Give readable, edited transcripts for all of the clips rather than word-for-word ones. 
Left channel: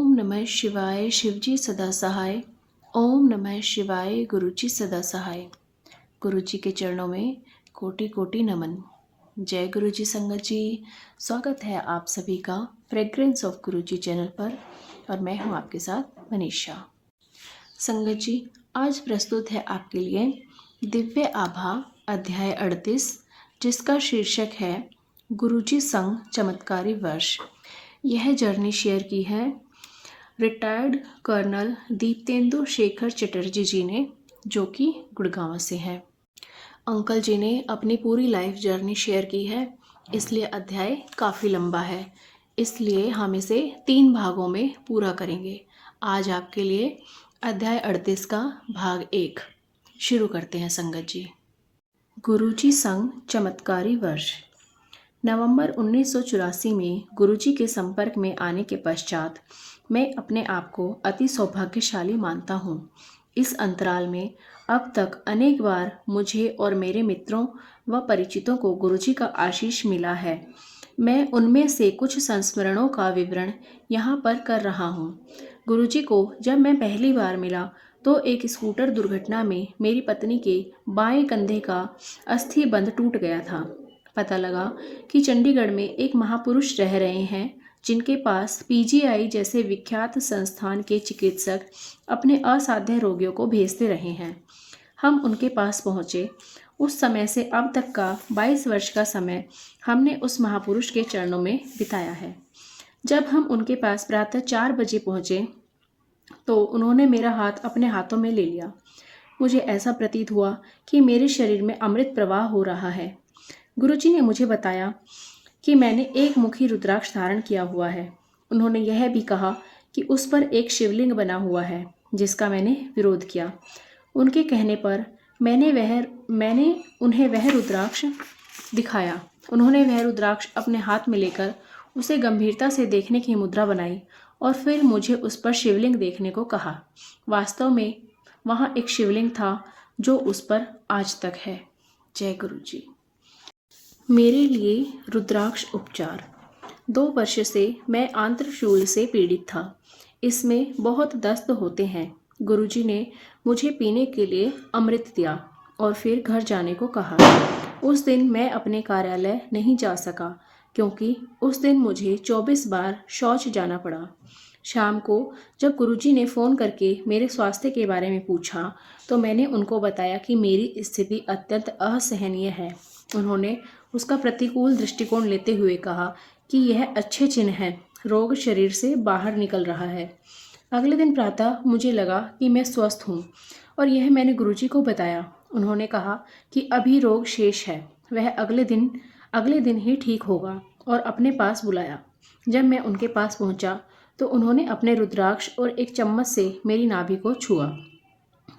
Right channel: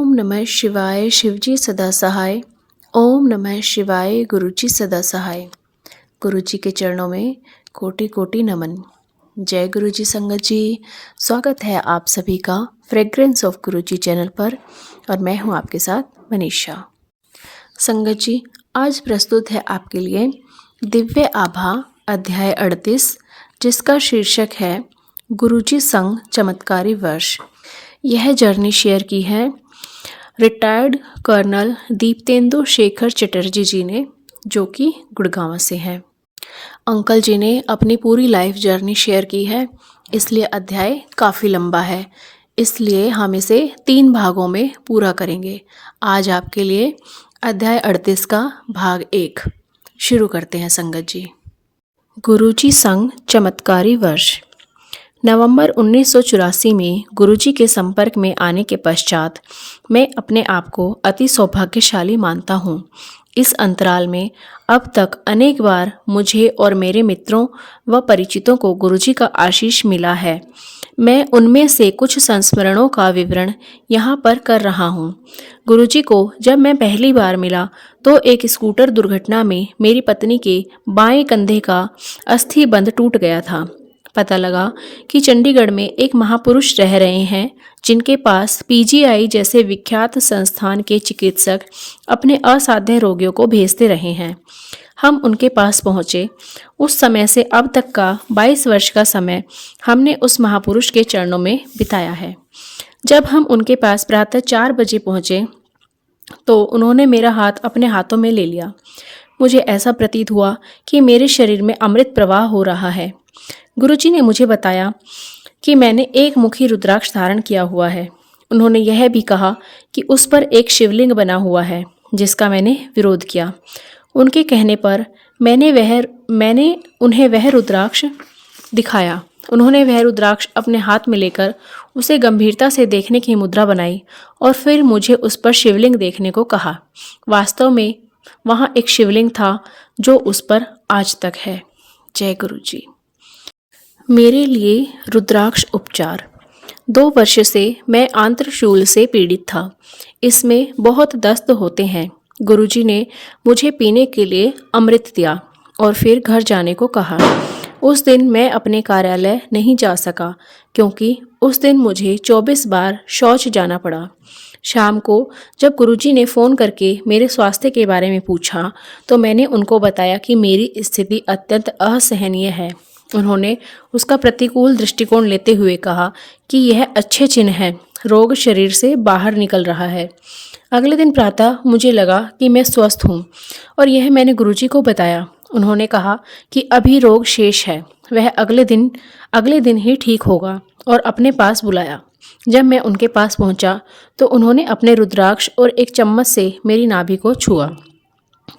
ओम नमः शिवाय शिवजी सदा सहाय। ओम नमः शिवाय गुरुजी सदा सहाय। गुरुजी के चरणों में कोटि कोटि नमन। जय गुरुजी संगत जी, स्वागत है आप सभी का फ्रेग्रेंस ऑफ गुरुजी चैनल पर और मैं हूं आपके साथ मनीषा। संगत जी, आज प्रस्तुत है आपके लिए दिव्य आभा अध्याय 38, जिसका शीर्षक है गुरुजी संग चमत्कारी वर्ष। यह जर्नी शेयर की है रिटायर्ड कर्नल दीप्तेंदु शेखर चटर्जी जी ने, जो कि गुड़गांव से हैं। अंकल जी ने अपनी पूरी लाइफ जर्नी शेयर की है, इसलिए अध्याय काफ़ी लंबा है, इसलिए हम इसे 3 भागों में पूरा करेंगे। आज आपके लिए अध्याय 38 का भाग 1 शुरू करते हैं संगत जी। गुरुजी संग चमत्कारी वर्ष। नवंबर 1984 में गुरुजी के संपर्क में आने के पश्चात मैं अपने आप को अति सौभाग्यशाली मानता हूँ। इस अंतराल में अब तक अनेक बार मुझे और मेरे मित्रों व परिचितों को गुरुजी का आशीष मिला है। मैं उनमें से कुछ संस्मरणों का विवरण यहाँ पर कर रहा हूँ। गुरुजी को जब मैं पहली बार मिला तो एक स्कूटर दुर्घटना में मेरी पत्नी के बाएं कंधे का अस्थि बंध टूट गया था। पता लगा कि चंडीगढ़ में एक महापुरुष रह रहे हैं जिनके पास पीजीआई जैसे विख्यात संस्थान के चिकित्सक अपने असाध्य रोगियों को भेजते रहे हैं। हम उनके पास पहुंचे। उस समय से अब तक का 22 वर्ष का समय हमने उस महापुरुष के चरणों में बिताया है। जब हम उनके पास प्रातः 4 बजे पहुंचे तो उन्होंने मेरा हाथ अपने हाथों में ले लिया। मुझे ऐसा प्रतीत हुआ कि मेरे शरीर में अमृत प्रवाह हो रहा है। गुरुजी ने मुझे बताया कि मैंने एक मुखी रुद्राक्ष धारण किया हुआ है। उन्होंने यह भी कहा कि उस पर एक शिवलिंग बना हुआ है, जिसका मैंने विरोध किया। उनके कहने पर मैंने उन्हें वह रुद्राक्ष दिखाया। उन्होंने वह रुद्राक्ष अपने हाथ में लेकर उसे गंभीरता से देखने की मुद्रा बनाई और फिर मुझे उस पर शिवलिंग देखने को कहा। वास्तव में वहाँ एक शिवलिंग था जो उस पर आज तक है। जय गुरुजी। मेरे लिए रुद्राक्ष उपचार। 2 वर्ष से मैं आंत्रशूल से पीड़ित था। इसमें बहुत दस्त होते हैं। गुरुजी ने मुझे पीने के लिए अमृत दिया और फिर घर जाने को कहा। उस दिन मैं अपने कार्यालय नहीं जा सका क्योंकि उस दिन मुझे 24 बार शौच जाना पड़ा। शाम को जब गुरुजी ने फ़ोन करके मेरे स्वास्थ्य के बारे में पूछा तो मैंने उनको बताया कि मेरी स्थिति अत्यंत असहनीय है। उन्होंने उसका प्रतिकूल दृष्टिकोण लेते हुए कहा कि यह अच्छे चिन्ह है, रोग शरीर से बाहर निकल रहा है। अगले दिन प्रातः मुझे लगा कि मैं स्वस्थ हूँ और यह मैंने गुरुजी को बताया। उन्होंने कहा कि अभी रोग शेष है, वह अगले दिन ही ठीक होगा और अपने पास बुलाया। जब मैं उनके पास पहुँचा तो उन्होंने अपने रुद्राक्ष और एक चम्मच से मेरी नाभि को छुआ।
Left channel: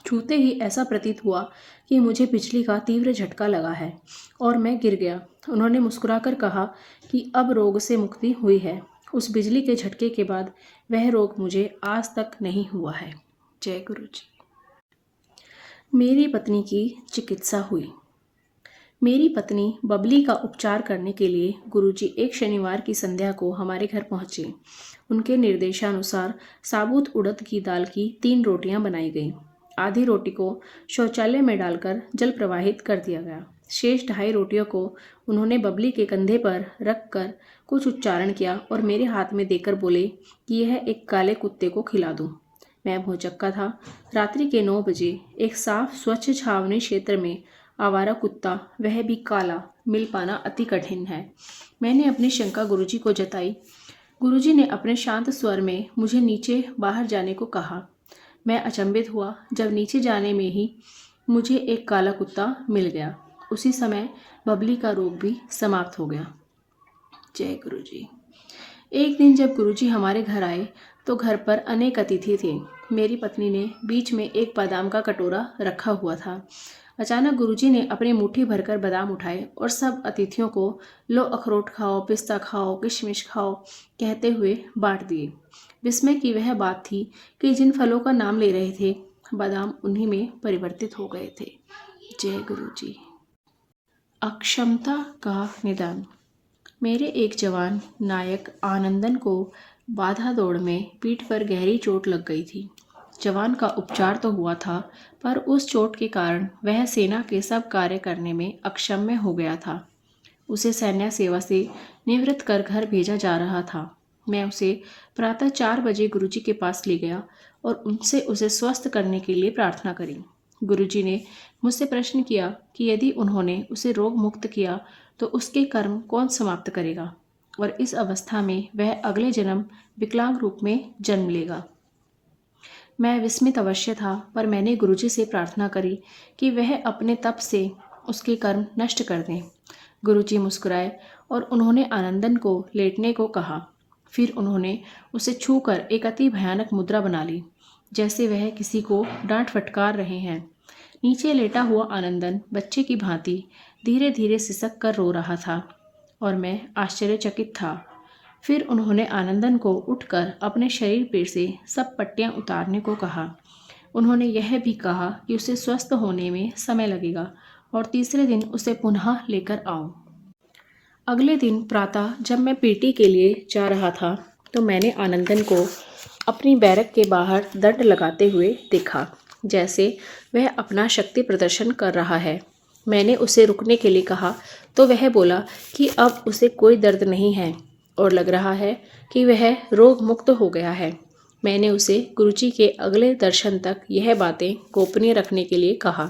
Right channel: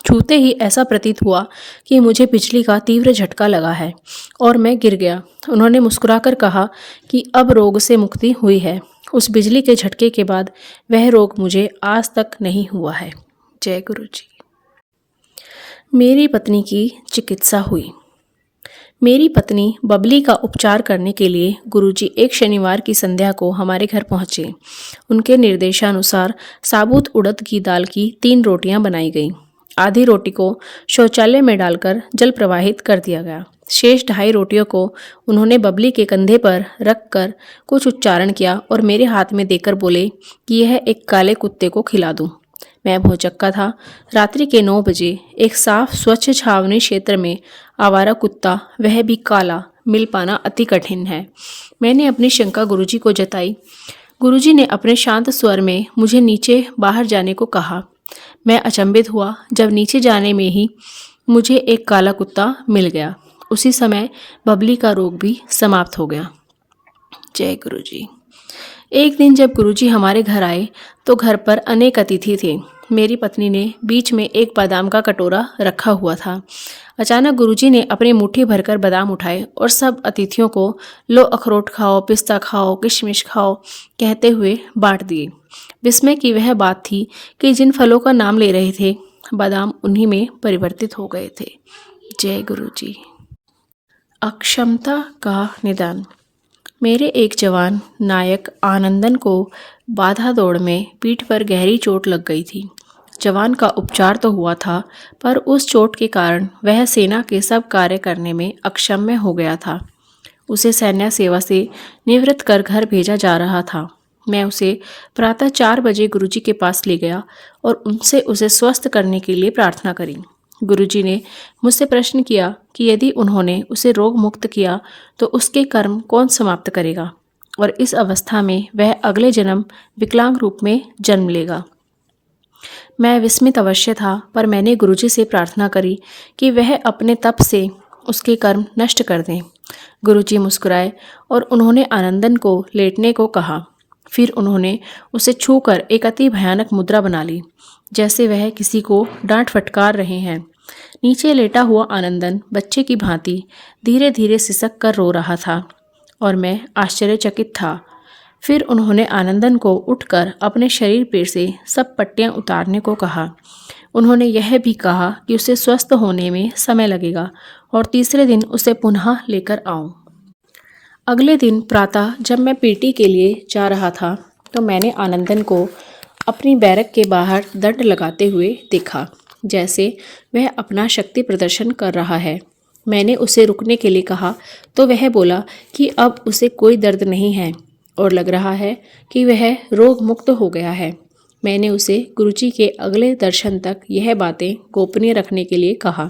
छूते ही ऐसा प्रतीत हुआ कि मुझे बिजली का तीव्र झटका लगा है और मैं गिर गया। उन्होंने मुस्कुराकर कहा कि अब रोग से मुक्ति हुई है। उस बिजली के झटके के बाद वह रोग मुझे आज तक नहीं हुआ है। जय गुरुजी। मेरी पत्नी की चिकित्सा हुई। मेरी पत्नी बबली का उपचार करने के लिए गुरुजी एक शनिवार की संध्या को हमारे घर पहुँचे। उनके निर्देशानुसार साबुत उड़द की दाल की 3 रोटियां बनाई गईं। आधी रोटी को शौचालय में डालकर जल प्रवाहित कर दिया गया। शेष 2.5 रोटियों को उन्होंने बबली के कंधे पर रखकर कुछ उच्चारण किया और मेरे हाथ में देकर बोले कि यह एक काले कुत्ते को खिला दूं। मैं भौचक्का था। रात्रि के 9 बजे एक साफ स्वच्छ छावनी क्षेत्र में आवारा कुत्ता, वह भी काला, मिल पाना अति कठिन है। मैंने अपनी शंका गुरुजी को जताई। गुरुजी ने अपने शांत स्वर में मुझे नीचे बाहर जाने को कहा। मैं अचंभित हुआ जब नीचे जाने में ही मुझे एक काला कुत्ता मिल गया। उसी समय बबली का रोग भी समाप्त हो गया। जय गुरुजी। एक दिन जब गुरुजी हमारे घर आए तो घर पर अनेक अतिथि थे। मेरी पत्नी ने बीच में एक बादाम का कटोरा रखा हुआ था। अचानक गुरुजी ने अपनी मुट्ठी भरकर बादाम उठाए और सब अतिथियों को लो अखरोट खाओ, पिस्ता खाओ, किशमिश खाओ कहते हुए बांट दिए। विस्मय की वह बात थी कि जिन फलों का नाम ले रहे थे बादाम उन्हीं में परिवर्तित हो गए थे। जय गुरुजी। अक्षमता का निदान। मेरे एक जवान नायक आनंदन को बाधा दौड़ में पीठ पर गहरी चोट लग गई थी। जवान का उपचार तो हुआ था, पर उस चोट के कारण वह सेना के सब कार्य करने में अक्षम्य हो गया था। उसे सैन्य सेवा से निवृत्त कर घर भेजा जा रहा था। मैं उसे प्रातः 4 बजे गुरुजी के पास ले गया और उनसे उसे स्वस्थ करने के लिए प्रार्थना करी। गुरुजी ने मुझसे प्रश्न किया कि यदि उन्होंने उसे रोग मुक्त किया तो उसके कर्म कौन समाप्त करेगा और इस अवस्था में वह अगले जन्म विकलांग रूप में जन्म लेगा। मैं विस्मित अवश्य था, पर मैंने गुरुजी से प्रार्थना करी कि वह अपने तप से उसके कर्म नष्ट कर दें। गुरुजी मुस्कुराए और उन्होंने आनंदन को लेटने को कहा। फिर उन्होंने उसे छूकर एक अति भयानक मुद्रा बना ली, जैसे वह किसी को डांट फटकार रहे हैं। नीचे लेटा हुआ आनंदन बच्चे की भांति धीरे धीरे सिसक कर रो रहा था और मैं आश्चर्यचकित था। फिर उन्होंने आनंदन को उठकर अपने शरीर पर से सब पट्टियां उतारने को कहा। उन्होंने यह भी कहा कि उसे स्वस्थ होने में समय लगेगा और तीसरे दिन उसे पुनः लेकर आऊं। अगले दिन प्रातः जब मैं पीटी के लिए जा रहा था तो मैंने आनंदन को अपनी बैरक के बाहर दंड लगाते हुए देखा, जैसे वह अपना शक्ति प्रदर्शन कर रहा है। मैंने उसे रुकने के लिए कहा तो वह बोला कि अब उसे कोई दर्द नहीं है और लग रहा है कि वह रोग मुक्त हो गया है। मैंने उसे गुरुजी के अगले दर्शन तक यह बातें गोपनीय रखने के लिए कहा।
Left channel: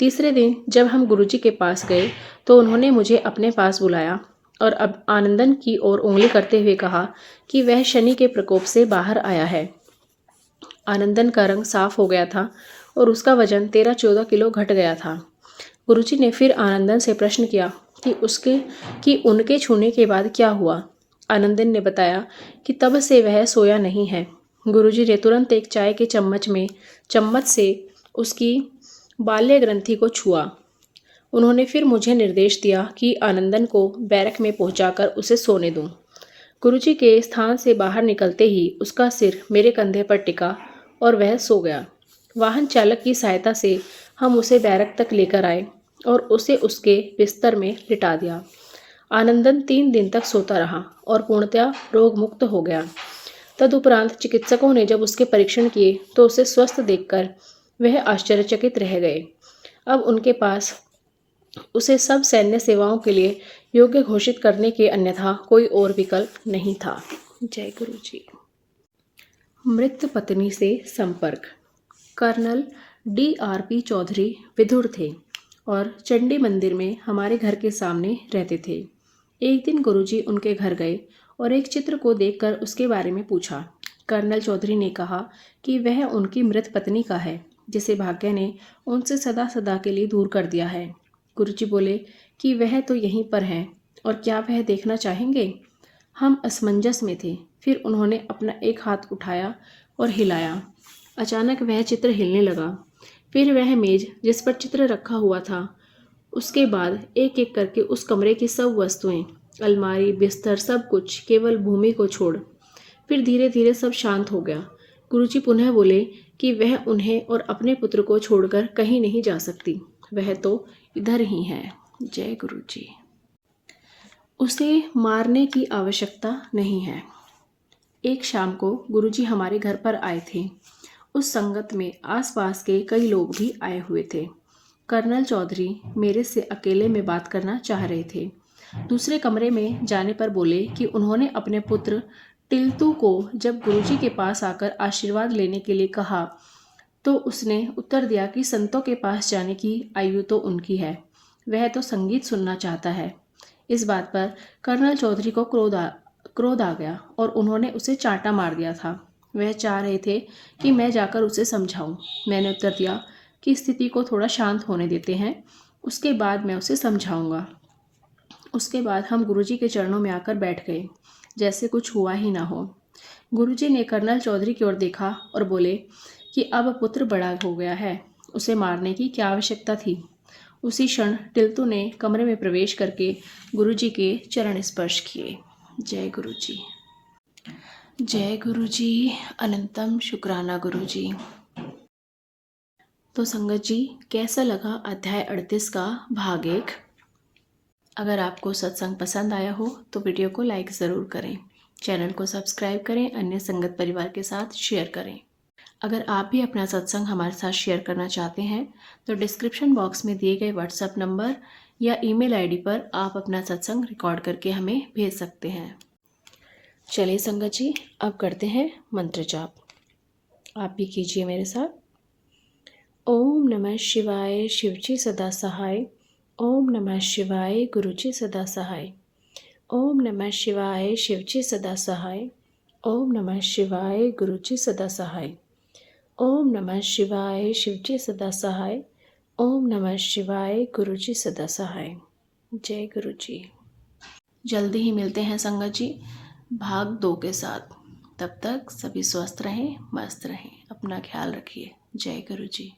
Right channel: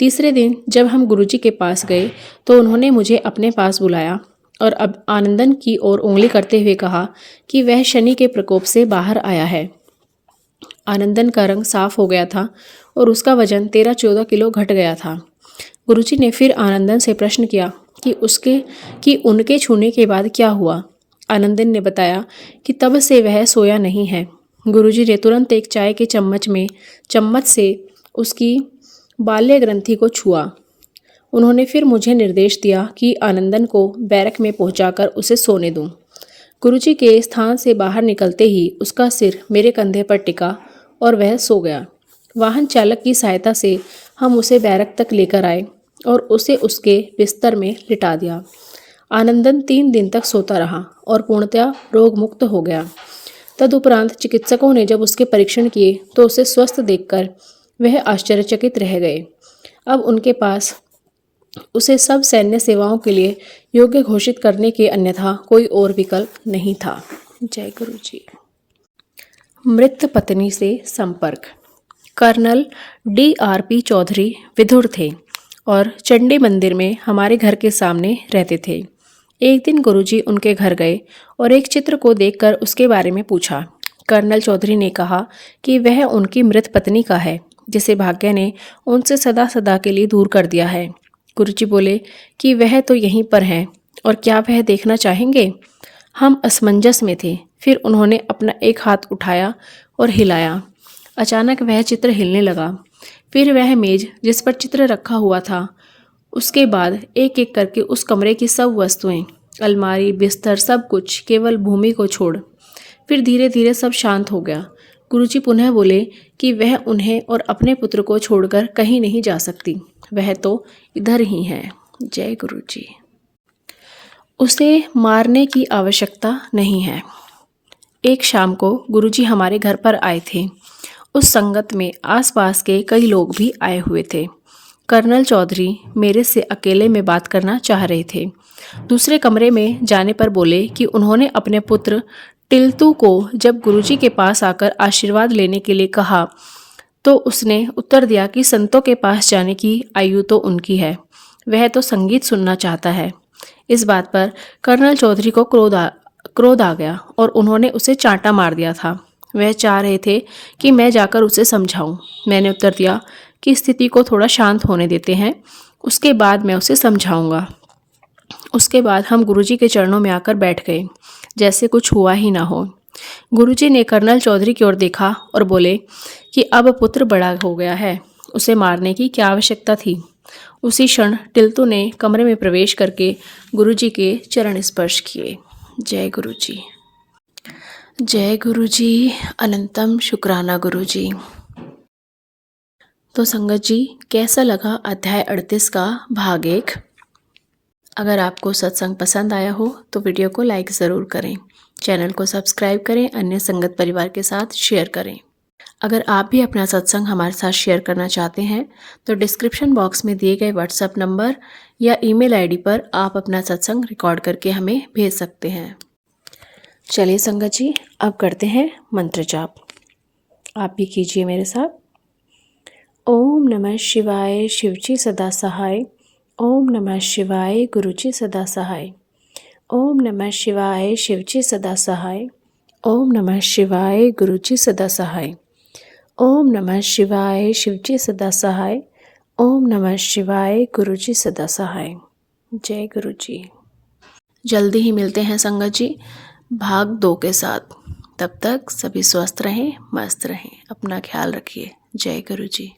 तीसरे दिन जब हम गुरुजी के पास गए तो उन्होंने मुझे अपने पास बुलाया और अब आनंदन की ओर उंगली करते हुए कहा कि वह शनि के प्रकोप से बाहर आया है। आनंदन का रंग साफ हो गया था और उसका वजन 13-14 किलो घट गया था। गुरुजी ने फिर आनंदन से प्रश्न किया कि उनके छूने के बाद क्या हुआ। आनंदन ने बताया कि तब से वह सोया नहीं है। गुरुजी ने तुरंत एक चाय के चम्मच से उसकी बाल्य ग्रंथि को छुआ। उन्होंने फिर मुझे निर्देश दिया कि आनंदन को बैरक में पहुंचाकर उसे सोने दूं। गुरुजी के स्थान से बाहर निकलते ही उसका सिर मेरे कंधे पर टिका और वह सो गया। वाहन चालक की सहायता से हम उसे बैरक तक लेकर आए और उसे उसके बिस्तर में लिटा दिया। आनंदन 3 दिन तक सोता रहा और पूर्णतया रोग मुक्त हो गया। तदुपरांत चिकित्सकों ने जब उसके परीक्षण किए तो उसे स्वस्थ देखकर वह आश्चर्यचकित रह गए। अब उनके पास उसे सब सैन्य सेवाओं के लिए योग्य घोषित करने के अन्यथा कोई और विकल्प नहीं था। जय गुरु जी। मृत पत्नी से संपर्क। कर्नल DRP चौधरी विधुर थे और चंडी मंदिर में हमारे घर के सामने रहते थे। एक दिन गुरुजी उनके घर गए और एक चित्र को देखकर उसके बारे में पूछा। कर्नल चौधरी ने कहा कि वह उनकी मृत पत्नी का है, जिसे भाग्य ने उनसे सदा सदा के लिए दूर कर दिया है। गुरुजी बोले कि वह तो यहीं पर है और क्या वह देखना चाहेंगे। हम असमंजस में थे। फिर उन्होंने अपना एक हाथ उठाया और हिलाया। अचानक वह चित्र हिलने लगा। फिर वह मेज जिस पर चित्र रखा हुआ था, उसके बाद एक एक करके उस कमरे की सब वस्तुएं, अलमारी, बिस्तर, सब कुछ केवल भूमि को छोड़। फिर धीरे धीरे सब शांत हो गया। गुरुजी पुनः बोले कि वह उन्हें और अपने पुत्र को छोड़कर कहीं नहीं जा सकती, वह तो इधर ही है। जय गुरु जी। उसे मारने की आवश्यकता नहीं है। एक शाम को गुरुजी हमारे घर पर आए थे। उस संगत में आसपास के कई लोग भी आए हुए थे। कर्नल चौधरी मेरे से अकेले में बात करना चाह रहे थे। दूसरे कमरे में जाने पर बोले कि उन्होंने अपने पुत्र टिल्तू को जब गुरुजी के पास आकर आशीर्वाद लेने के लिए कहा तो उसने उत्तर दिया कि संतों के पास जाने की आयु तो उनकी है, वह तो संगीत सुनना चाहता है। इस बात पर कर्नल चौधरी को क्रोध आ गया और उन्होंने उसे चांटा मार दिया था। वह चाह रहे थे कि मैं जाकर उसे समझाऊं। मैंने उत्तर दिया कि स्थिति को थोड़ा शांत होने देते हैं, उसके बाद मैं उसे समझाऊंगा। उसके बाद हम गुरुजी के चरणों में आकर बैठ गए, जैसे कुछ हुआ ही ना हो। गुरुजी ने कर्नल चौधरी की ओर देखा और बोले कि अब पुत्र बड़ा हो गया है, उसे मारने की क्या आवश्यकता थी। उसी क्षण टिल्तू ने कमरे में प्रवेश करके गुरुजी के चरण स्पर्श किए। जय गुरु जी। जय गुरु जी। अनंतम शुक्राना गुरु जी। तो संगत जी, कैसा लगा अध्याय 38 का भाग 1। अगर आपको सत्संग पसंद आया हो तो वीडियो को लाइक ज़रूर करें चैनल को सब्सक्राइब करें, अन्य संगत परिवार के साथ शेयर करें। अगर आप भी अपना सत्संग हमारे साथ शेयर करना चाहते हैं तो डिस्क्रिप्शन बॉक्स में दिए गए व्हाट्सएप नंबर या ईमेल आईडी पर आप अपना सत्संग रिकॉर्ड करके हमें भेज सकते हैं। चलिए संगत जी, अब करते हैं मंत्र जाप। आप भी कीजिए मेरे साथ। ओम नमः शिवाय, शिवजी सदा सहाय। ओम नमः शिवाय, गुरुजी सदा सहाय। ओम नमः शिवाय, शिवजी सदा सहाय। ओम नमः शिवाय, गुरुजी सदा सहाय। ओम नमः शिवाय, शिवजी सदा सहाय। ओम नमः शिवाय, गुरुजी सदा सहाय। जय गुरु जी। जल्दी ही मिलते हैं संगत जी भाग 2 के साथ। तब तक सभी स्वस्थ रहें, मस्त रहें, अपना ख्याल रखिए। जय गुरु जी।